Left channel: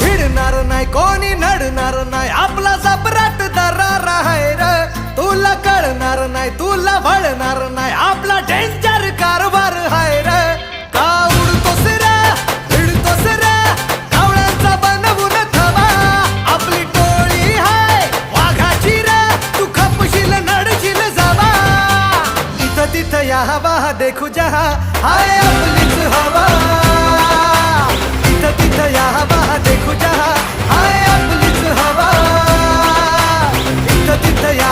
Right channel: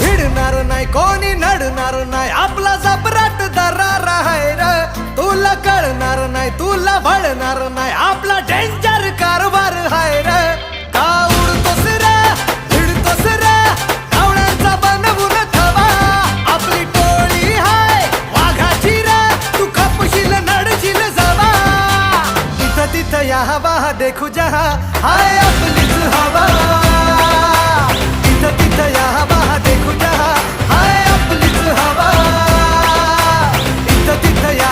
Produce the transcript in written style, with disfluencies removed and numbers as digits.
भिडणार नाही कोणी नडणार नाही आपला जबराट दरार आहे र तुला कळणार नाही तुला वळणार नाही आपला डेंजर कारभार आहे र का उडतोस रे भिडतोस रे कावळ्यांचा बनवून थवा आपली टोळी हाय वाघाची रे तू खपशील नडशील जवा इथं तिथं या हवा देखू जहा हाय आपलीच हवा इथं तिथं या हवा देखू जहा हाय आपलीच हवा इथं तिथं या